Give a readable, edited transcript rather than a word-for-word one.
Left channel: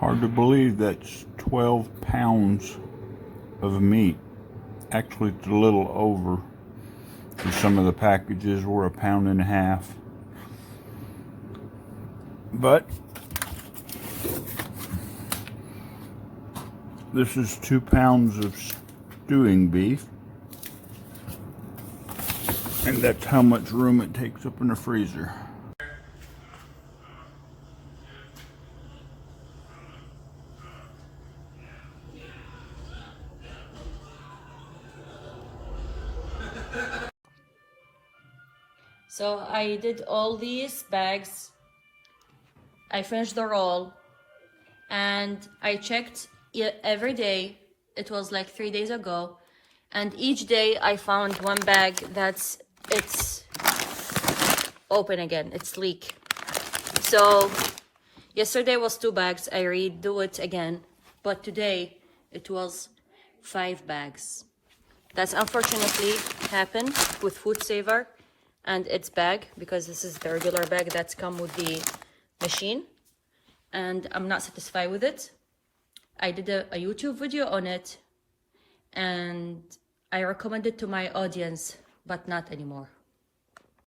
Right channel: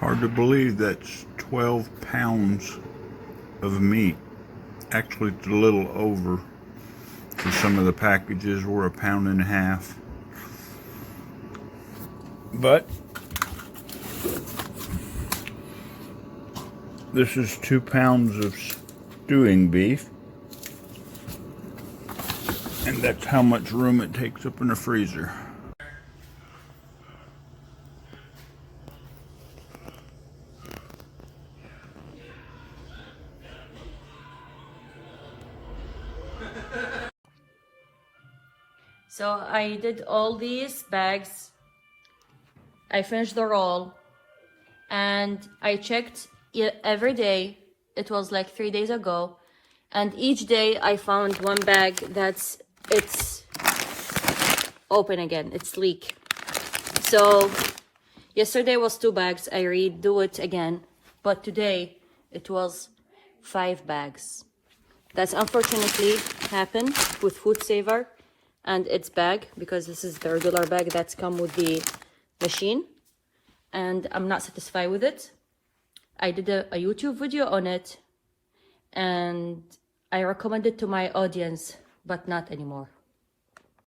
Hard to believe that's 12 pounds of meat. Actually, it's a little over, because some of the packages were 1.5 pounds. But this is 2 pounds of stewing beef, and that's how much room it takes up in the freezer. So I did all these bags. I finished the roll and I checked every day. It was like 3 days ago, and each day I found one bag it's open again, it's leak. So yesterday was 2 bags, I redo it again, but today it was 5 bags. That's unfortunately happened with FoodSaver and its bag, because this is the regular bag that's come with the machine, and I'm not satisfied with it. I did a YouTube video on it and I recommend it to my audience, but not anymore.